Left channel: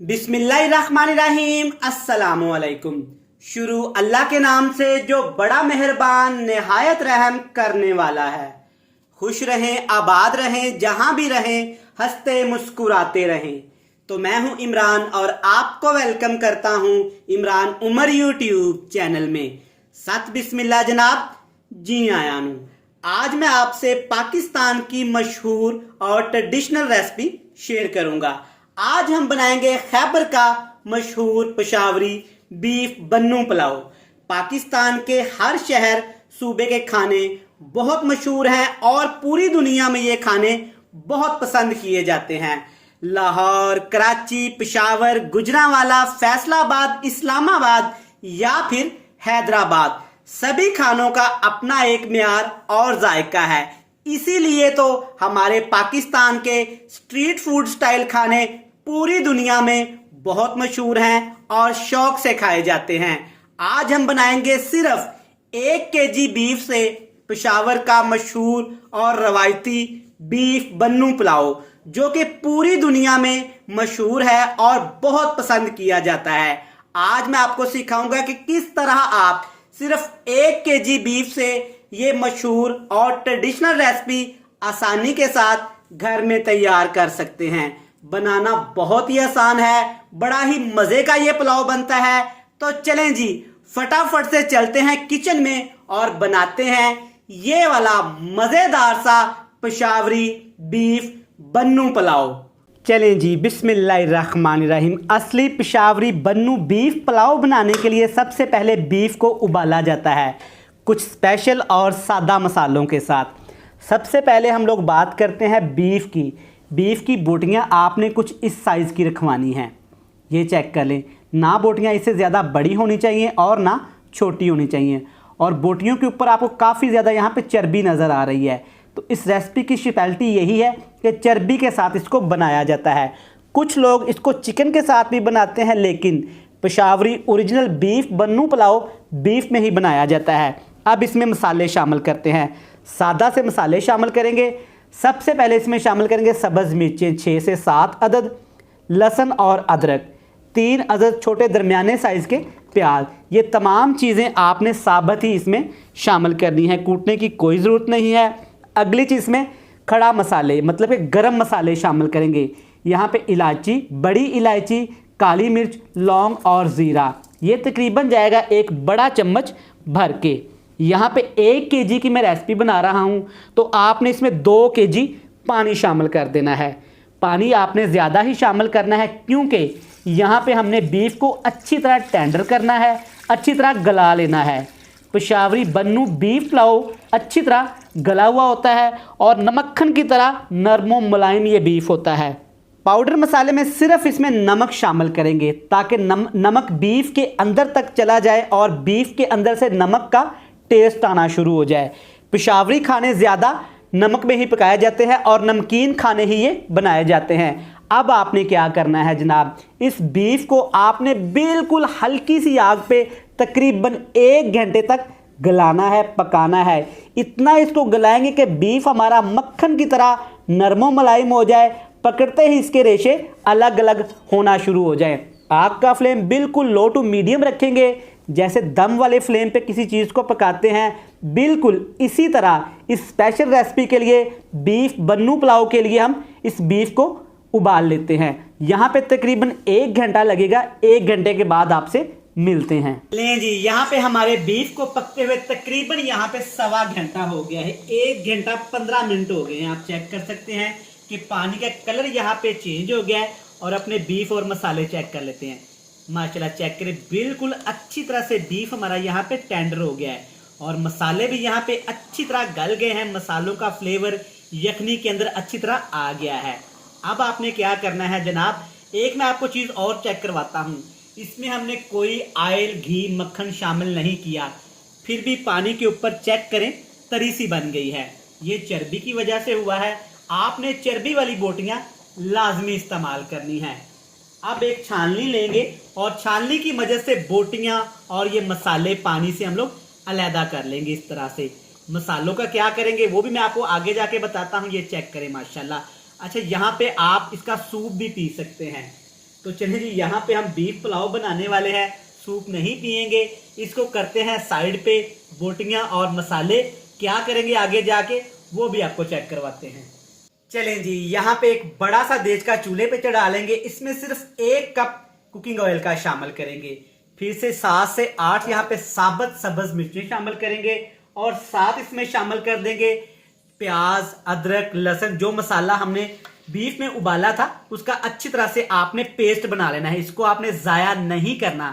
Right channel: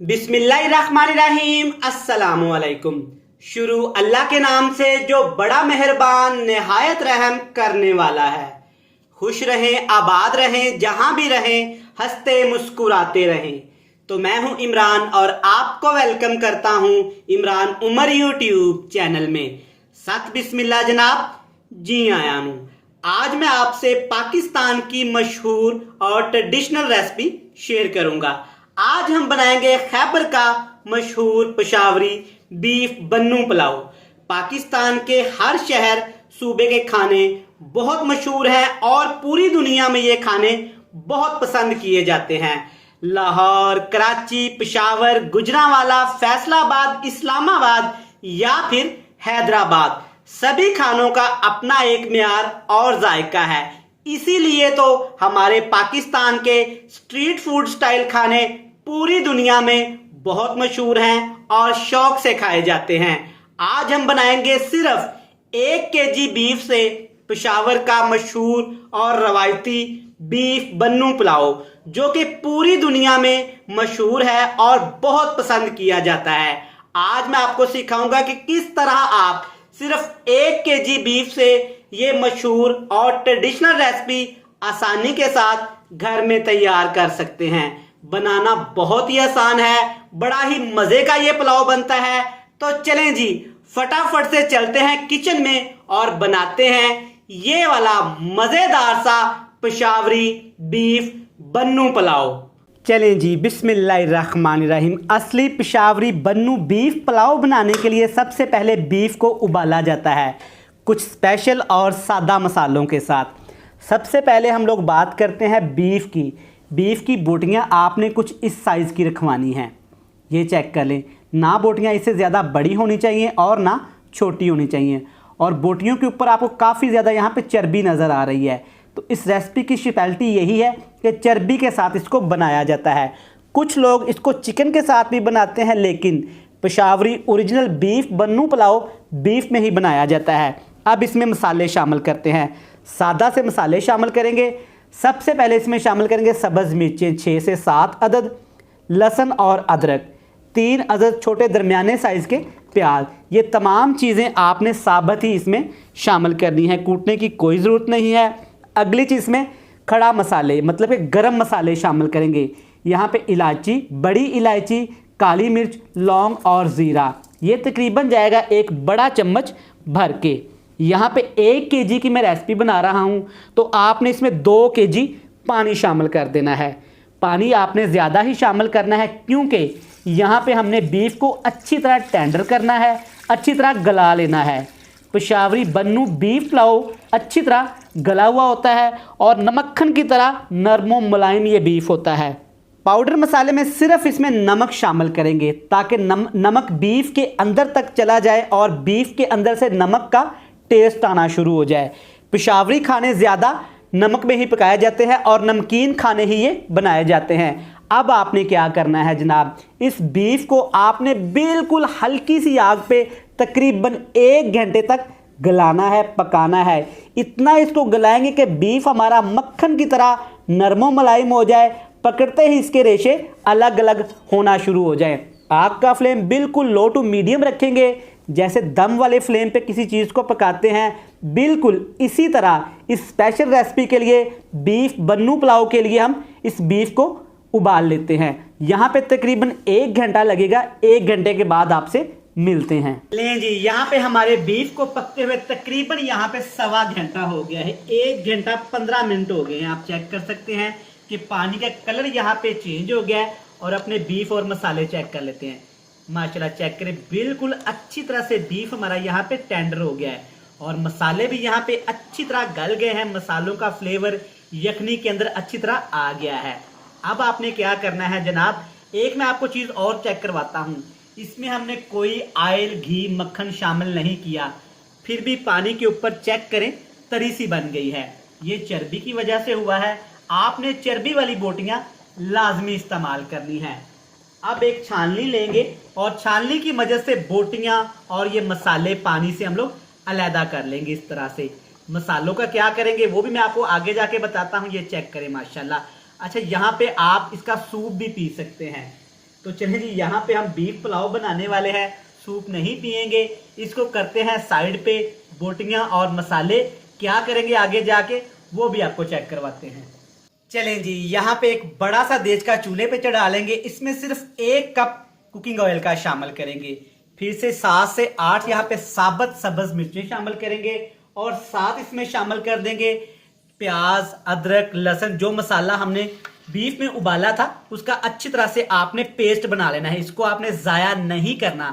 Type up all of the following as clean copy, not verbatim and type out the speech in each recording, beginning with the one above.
बिस्मिल्लाहिर्रहमानिर्रहीम अस्सलामुअलैकुम। शुरू अल्लाह के नाम से जो बड़ा मेहरबान निहायत रहम करने वाला है। खुश रहें, आबाद रहें, जहां भी रहें, हंसते मुस्कुराते रहें। तो मैं हूं इमरान और आपको वेलकम करता हूं इमरान उमर यूट्यूब चैनल में। सत बिस्मिल्लाह जनाब, जी आया हूं। आज मैं आपसे पाकिस्तान की मशहूर और ट्रेडिशनल रेसिपी शेयर करूंगा। आज हम बनाएंगे खैबर का मशहूर पेशावरी बीफ बन्नू पुलाव। पाकिस्तान के हर शहर सूबे के खाने बहुत मशहूर हैं और पूरी दुनिया में ये खाने बहुत पसंद किए जाते हैं। लाहौर, कराची, पेशावर, गुजरांवाला, फैसलाबाद, इस्लामाबाद या फिर हैदराबाद, सभी खानों का अपना एक मियार और जायका है। इसीलिए तो हमारे पाकिस्तान के स्ट्रीट फूड स्टाइल खाने पूरी दुनिया में बहुत मशहूर हैं और शौक से खाए जाते हैं। आज हम बनाएंगे सिर्फ 1 केजी बीफ से पेशावर का मशहूर और रवायती बीफ बन्नू पुलाव, जो कि पूरी दुनिया में मशहूर है और बहुत पसंद किया जाता है। आज मैं आपको सिखाऊंगा कि किस तरह आप सिर्फ 1 केजी बीफ से ये मशहूर और ट्रेडिशनल रेसिपी आसानी के साथ घर में तैयार कर सकते हैं। बनाना बहुत ही आसान है, बड़ा ही मजे का ये पुलाव बनता है। तो चलें जी, फटाफट से चलते हैं किचन में और बनाते हैं ये वाला मजेदार सा पेशावरी बीफ बन्नू पुलाव। चलें जी, बिस्मिल्लाहिर्रहमानिर्रहीम। असली पेशावरी बन्नू बीफ पुलाव बनाने के लिए सबसे पहले बीफ को उबाला जाता है कुछ स्पेशल और सादा मसालों के साथ। सबसे पहले हम लोग बात करते हैं बीफ की। बीफ की बोटियां आपने कुछ इस साइज़ की रखवानी हैं। ये चेक कर लें, ना बोटियां इससे ज़्यादा बड़ी होनी चाहिए और ना छोटी होनी चाहिए। और बोटियों के ऊपर आपको काफ़ी ज़्यादा यहाँ पे चर्बी नज़र आ रही है। तो इस रेसिपी की स्पेशलिटी यही है कि चर्बी के साथ इसको बनाया जाता है। कुछ लोग इसको चिकन के साथ भी बनाते हैं, लेकिन पेशावरी ओरिजिनल बीफ बन्नू पुलाव बीफ में ही बनाया जाता है। अब इसमें मसाले शामिल करते हैं। सादा से मसाले शामिल करेंगे। सबसे पहले इसमें शामिल करेंगे सब्ज़ मिर्चें 6 से 7 अदद, लहसुन और अदरक 3 अदद, छोटे दरमियाने साइज़ के प्याज। ये तमाम चीज़ें आपने साबुत ही इसमें शामिल करनी है, कूटने की कोई ज़रूरत नहीं है। अगली चीज़ में खड़ा मसाले मतलब कि गरम मसाले शामिल करेंगे। यहाँ पे इलायची, बड़ी इलायची, काली मिर्च, लौंग और ज़ीरा, ये तकरीबन जाएगा 1 बड़ा चम्मच भर के। यहाँ पे 1 केजी की मैं रेसिपी बना रहा हूँ, तो आपने इसमें 2 केजी पानी शामिल कर देना है। पानी आपने ज़्यादा ही शामिल करना है, क्योंकि यहाँ पे हमने बीफ को अच्छी तरह टेंडर करना है, अच्छी तरह गला लेना है। पेशावरी बन्नू बीफ पुलाव अच्छी तरह गला हुआ होता है और मक्खन की तरह नरम मुलायम ये बीफ होता है। पाउडर मसाले में सिर्फ इसमें नमक शामिल करेंगे, ताकि नमक बीफ के अंदर तक चला जाए और बीफ के अंदर से नमक का टेस्ट आना शुरू हो जाए। पेशावरी खाने ज़्यादा नमक में ही पकाए जाते हैं और नमकीन खाने ही ये बनाए जाते हैं। अब आपने क्या करना है जनाब, इस बीफ को आपने बिल्कुल हल्की सी आग पे तकरीबन 1 घंटे तक गलाना है, पकाना है। इतना इसको गलाएंगे कि बीफ हमारा मक्खन की तरह नरमो मुलायम हो जाए, पकड़ते ही इसके रेशे अलग अलग होना शुरू हो जाए। आग का फ्लेम बिल्कुल लो टू मीडियम रखेंगे, जैसे दम वाले फ्लेम पे किसी चीज़ को पकाते हैं, बिल्कुल इसी तरह इस स्पेशल रेसिपी के लिए बीफ बन्नू पुलाव के लिए हम इस बीफ को उबाल लेते हैं। यहाँ पे तकरीबन 1 घंटा लगेगा। 1 घंटे के बाद आपसे मिलते हैं। लें जी, यहाँ पे हमारे बीफ को पकते हुए तकरीबन यहाँ पे 1.25 घंटा हो गया है। 1 घंटा 15 मिनट हो गए हैं। आप चेक कर सकते हैं कि पानी का कलर यहाँ पे चेंज हो गया है। और अपने बीफ और मसाले चेक कर लेते हैं। माशाल्लाह चेक करें, बिल्कुल अच्छी तरह से बीफ हमारा यहाँ पे टेंडर हो गया है और मसाले भी यहाँ पे अच्छी तरह गल गए हैं। मसालों का फ्लेवर यखनी के अंदर अच्छी तरह आ गया है। अब आपने क्या करना है जनाब, एक मैं आपको चीज़ और चेक करवाता हूँ। इसमें हमने कोई ऑयल, घी, मक्खन शामिल नहीं किया, फिर भी पानी के ऊपर चेक करें तरी सी बन गई है। ये चर्बी की वजह से हुआ है। आपने चर्बी वाली बोटियाँ लाजमी इस्तेमाल करनी है। अब एक छाननी लेंगे और छाननी की मदद से बोटियां और ये मसाले पानी से हम लोग अलहदा कर लेंगे। इस तरह से मसालों का क्या करेंगे वो भी मैं आपको आगे जाके बताता हूँ। ये चेक करें माशाल्लाह। अच्छा, यहाँ पे आप इसका सूप भी पी सकते हैं। तो चलिए जी, यहाँ पे हम बीफ पुलाव बनाने वाले हैं, सूप नहीं पिएंगे। इसको करते हैं साइड पे। बोटियां और मसाले क्या करेंगे आगे जाके वो भी आपको चेक करवाते हैं। चलें जी, यहाँ पे एक बड़ा सा देज का चूल्हे पे चढ़ा लेंगे। इसमें सिर्फ 1 कप कुकिंग ऑयल का शामिल करेंगे। फिर से 7 से 8 यहाँ पे साबुत सब्ज मिर्चें शामिल करेंगे और साथ इसमें शामिल कर देंगे प्याज, अदरक, लहसुन। जो मसाला हमने बीफ में उबाला था उसका अच्छी तरह से आपने पेस्ट बना लेना है। इसको आपने जाया नहीं करना।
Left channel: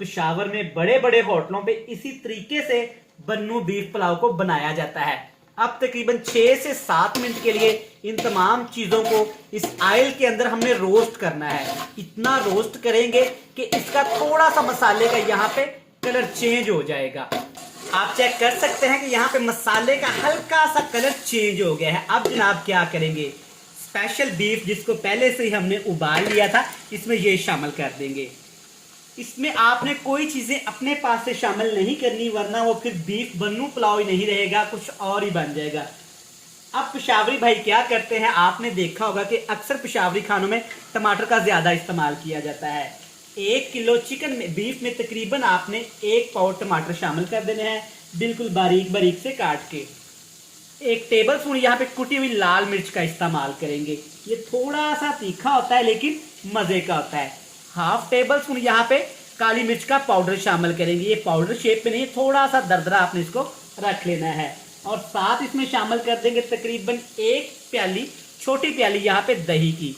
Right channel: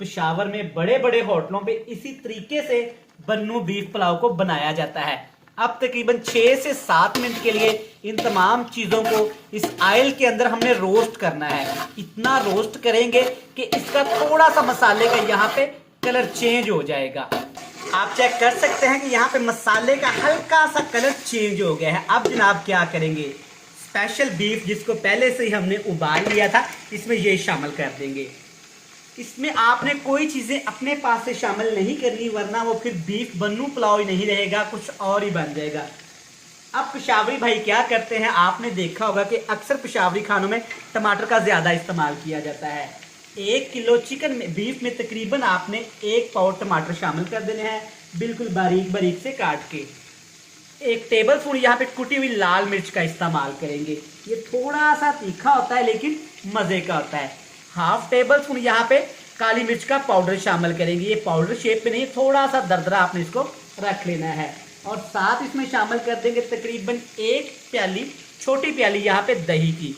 पेशावर में बड़े बड़े होटलों पे इसी तरीके से बन्नू बीफ पुलाव को बनाया जाता है। अब तकरीबन 6 से 7 मिनट के लिए इन तमाम चीजों को इस ऑयल के अंदर हमने रोस्ट करना है। इतना रोस्ट करेंगे कि इसका थोड़ा सा मसाले का यहाँ पे कलर चेंज हो जाएगा। आप चेक कर सकते हैं कि यहाँ पे मसाले का हल्का सा कलर चेंज हो गया है। अब जनाब क्या करेंगे, स्पेशल बीफ जिसको पहले से ही हमने उबाल लिया था इसमें ये शामिल कर देंगे। इसमें आपने कोई चीजें अपने पास से शामिल नहीं करनी, वरना वो फिर बीफ बन्नू पुलाव ही नहीं रहेगा, कुछ और ही बन जाएगा। अब पेशावरी भाई क्या करते हैं, आपने देखा होगा कि अक्सर पेशावरी खानों में टमाटर का ज्यादा इस्तेमाल किया जाता है। 1 किलो चिकन में बीफ में तकरीबन आपने 1 पाव टमाटर शामिल कर देने हैं, बिल्कुल बारीक बारीक से काट के। 1 टेबल स्पून यहाँ पे कुटी हुई लाल मिर्च का इस्तेमाल करेंगे। ये थोड़ा सा तीखा होता है लेकिन मजे का होता है। 1/2 टेबल स्पून यहाँ पे काली मिर्च का पाउडर शामिल करेंगे। ये पाउडर शेप में नहीं, थोड़ा सा दरदरा आपने इसको रख लेना है। और साथ इसमें शामिल कर देंगे तकरीबन 1 प्याली, छोटी प्याली यहाँ पे दही की।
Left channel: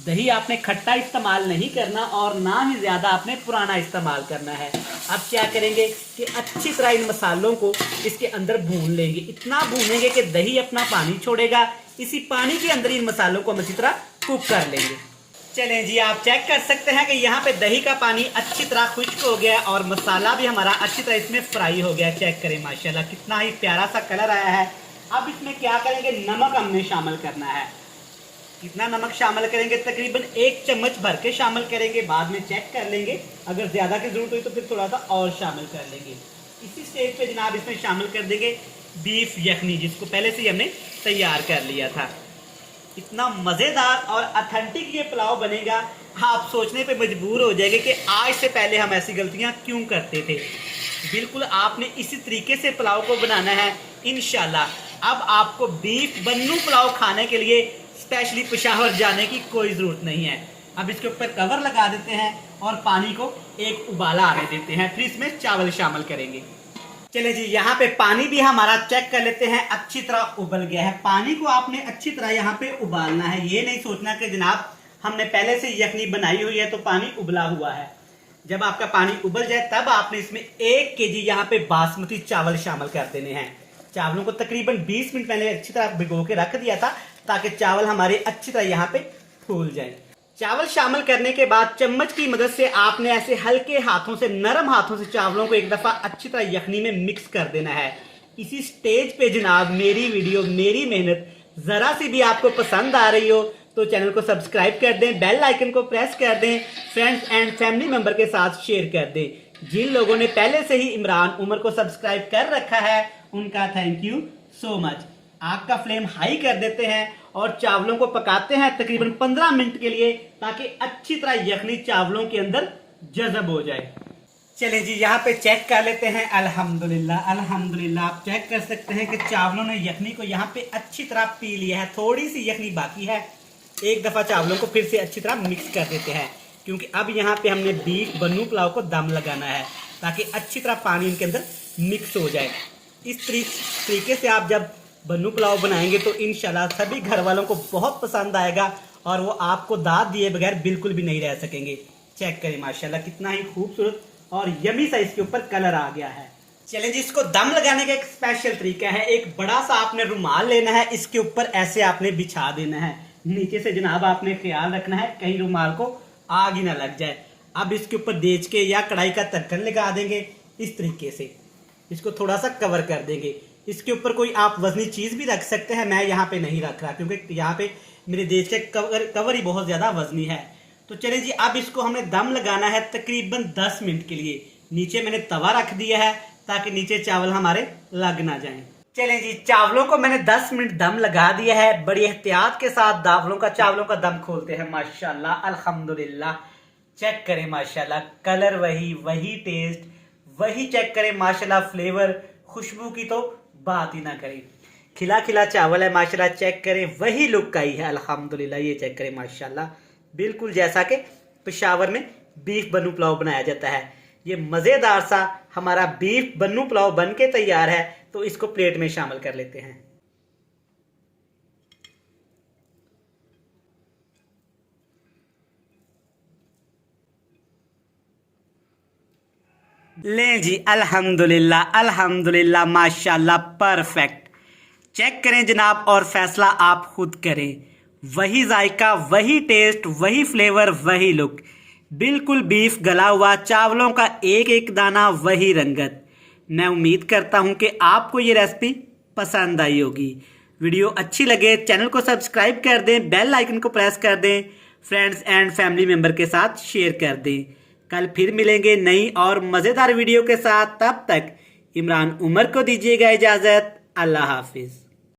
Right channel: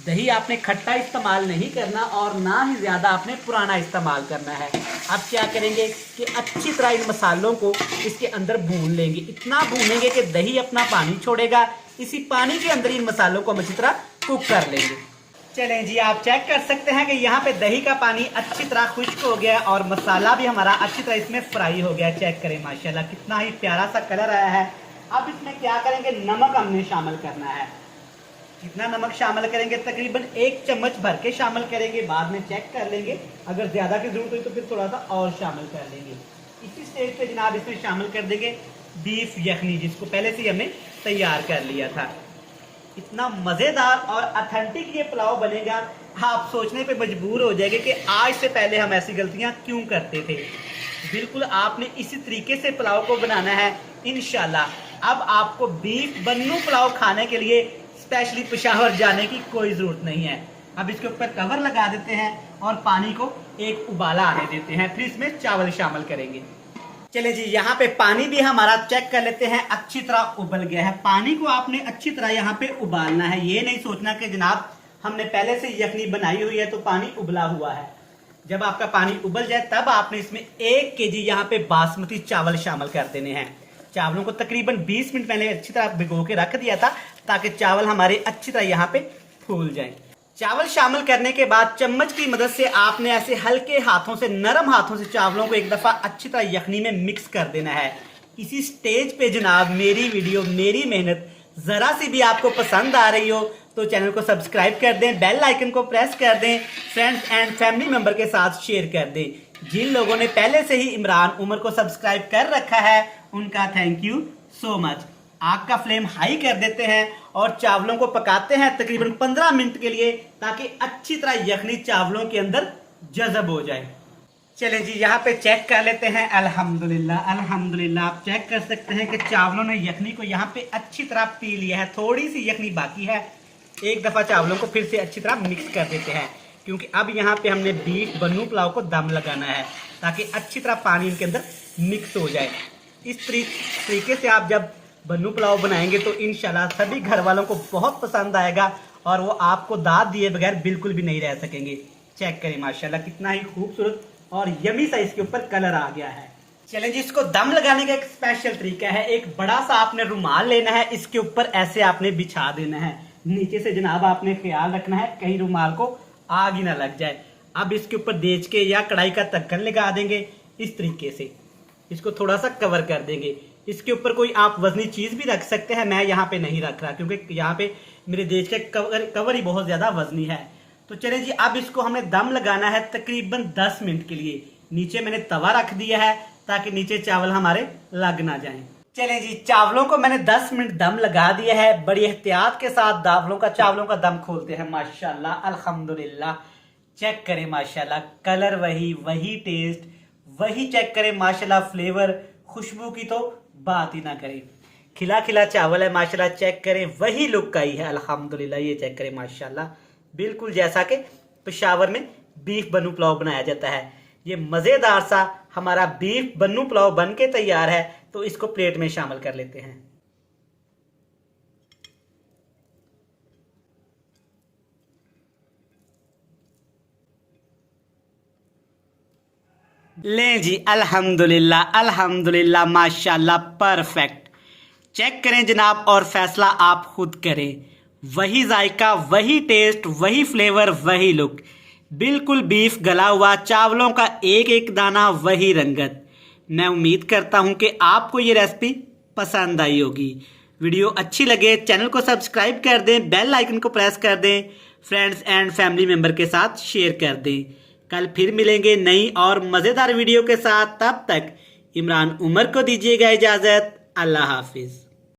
दही आपने खट्टा इस्तेमाल नहीं करना और ना ही ज्यादा आपने पुराना इस्तेमाल करना है। अब क्या करेंगे कि अच्छी तरह इन मसालों को इसके अंदर भून लेंगे। इतना भूनेंगे कि दही अपना पानी छोड़ेगा। इसी पानी के अंदर इन मसालों को हम अच्छी तरह कुक कर लेंगे। चलें जी, आप चेक कर सकते हैं कि यहाँ पे दही का पानी अच्छी तरह खुश्क हो गया और मसाला भी हमारा अच्छी तरह इसमें फ्राई हो गया। चेक करें माशाल्लाह कितना ही प्यारा सा कलर आया है। अब इसमें क्या करेंगे, नमक हमने शामिल करना है। कितना नमक शामिल करेंगे, तकरीबन 1 चम्मच भर के शामिल करेंगे। बाद में चेक कर लेंगे, अगर ज्यादा की जरूरत हुई तो फिर थोड़ा सा और शामिल कर लेंगे। इसी स्टेज पे जनाब इसमें शामिल कर देंगे बीफ यखनी, जिसको पहले से ही हमने तैयार कर लिया था। इतना मजेदार और ऑथेंटिक ये पुलाव बनेगा, आप सोचने पे मजबूर हो जाएंगे कि आज से पहले हम ऐसी गलतियां क्यों करते थे। बिल्कुल आपने इसी तरीके से पुलाव को बनाना है इंशाल्लाह। अब आपको बीफ बन्नू पुलाव खाने के लिए स्पेशली पेशावर जाने की कोई जरूरत नहीं है। अब इसके ऊपर कवर लगा देते हैं और पानी को एक उबाला आने देते हैं, फिर इसमें चावल शामिल करेंगे। चले जी, यहाँ पे पानी भी हमारा चेक कर लेते हैं, अच्छी तरह उबल गया है। पानी को आपने अच्छी तरह यहाँ पे उबालना है। ये नहीं सोचना कि जनाब हमने पहले से यखनी बनाई हुई है तो पानी उबला हुआ है। जब आपका पानी उबल जाए तब आपने इसमें 1 केजी यहाँ पे बासमती चावल शामिल कर देने हैं। चावलों को तकरीबन 20 मिनट पहले अच्छी तरह भिगो के रख दिया था ताकि चावल हमारे अच्छी तरह यहाँ पे फूल जाए। चावल शामिल करने के बाद चम्मच की मदद से आपने ऐसे हल्के हाथों से, नरम हाथों से चावलों को एक दफा अच्छी तरह यखनी में मिक्स कर देना है। इसी स्टेज पे जनाब मेरी वीडियो, मेरी मेहनत जरा सी भी आपको पसंद आ रही हो तो चैनल को सब्सक्राइब कर दें, बेल आइकन को प्रेस कर दें, फ्रेंड्स एंड फैमिली मेंबर के साथ शेयर कर दें। जिन लोगों ने पहले से ही इमरान उमर को सब्सक्राइब कर रखा है उनका थैंक यू सो मच। आग का फ्लेम हाई कर देते हैं और चावलों को पकाते हैं तकरीबन 15 मिनट के लिए, ताकि अच्छी तरह यखनी चावलों के अंदर जज़ब हो जाए। चलें जी, यहाँ पे चेक कर लेते हैं। अल्हम्दुलिल्लाह अल्हम्दुलिल्लाह, आप चेक कर सकते हैं कि चावलों ने यखनी को यहाँ पे अच्छी तरह पी लिया है। थोड़ी सी यखनी बाकी है। एक दफा चावलों को फिर से अच्छी तरह मिक्स कर देते हैं, क्योंकि अब यहाँ पे हमने बीफ बन्नू पुलाव को दम लगाना है ताकि अच्छी तरह पानी इनके अंदर मिक्स हो जाए। इस तरीके से आप जब बन्नू पुलाव बनाएंगे तो इंशाल्लाह सभी घर वालों को बहुत पसंद आएगा और वो आपको दाद दिए बगैर बिल्कुल भी नहीं रह सकेंगे। चेक करें माशाल्लाह कितना ही खूबसूरत और यमी सा इसके ऊपर कलर आ गया है। चलें जी, इसको दम लगाने का एक स्पेशल तरीका है। एक बड़ा सा आपने रुमाल लेना है, इसके ऊपर ऐसे आपने बिछा देना है। नीचे से जनाब आपने ख्याल रखना है कहीं रुमाल को आग ही ना लग जाए। अब इसके ऊपर देच के या कढ़ाई का ढक्कन लगा देंगे। इस तरीके से इसको थोड़ा सा कवर कर देंगे। इसके ऊपर कोई आप वजनी चीज भी रख सकते हैं, मैं यहाँ पे नहीं रख रहा क्योंकि यहाँ पे मेरे देश के कवर ही बहुत ज्यादा वजनी है। तो चलें जी, अब इसको हमने दम लगाना है तकरीबन 10 मिनट के लिए। नीचे मैंने तवा रख दिया है ताकि नीचे चावल हमारे लग ना जाएं। चलें जी, चावलों को मैंने 10 मिनट दम लगा दिया है। बड़ी एहतियात के साथ चावलों का दम खोलते हैं। माशाल्लाह अल्हम्दुलिल्लाह, चेक करें माशाल्लाह, कलर वही टेस्ट वही, चेक करें माशाल्लाह फ्लेवर, खुशबू की तो बात ही ना करें। खिला खिला चावल है माशाल्लाह, चेक करें वही लुक आई है अल्हम्दुलिल्लाह। ये चेक करें माशाल्लाह, बिल्कुल जैसा कि पेशावर में बीफ बन्नू पुलाव बनाया जाता है। ये मजेदार सा हमारा बीफ बन्नू पुलाव बन के तैयार है, तो इसको प्लेट में शामिल कर लेते हैं। लें जी, अल्हम्दुलिल्लाह अल्हम्दुलिल्लाह माशाल्लाह, परफेक्ट। चेक करें जनाब और फैसला आप खुद करें। वही जायका, वही टेस्ट, वही फ्लेवर, वही लुक, बिल्कुल बीफ गला हुआ, चावलों का एक एक दाना, वही रंगत। मैं उम्मीद करता हूं कि आपको ये रेसिपी पसंद आई होगी। वीडियो अच्छी लगे चैनल को सब्सक्राइब कर दें, बेल आइकन को प्रेस कर दें, फ्रेंड्स एंड फैमिली मेंबर के साथ शेयर कर दें। कल फिर मिलेंगे नई और मज़ेदार वीडियो के साथ। तब तक इमरान उमर को दीजिएगा इजाज़त। अल्लाह हाफिज़।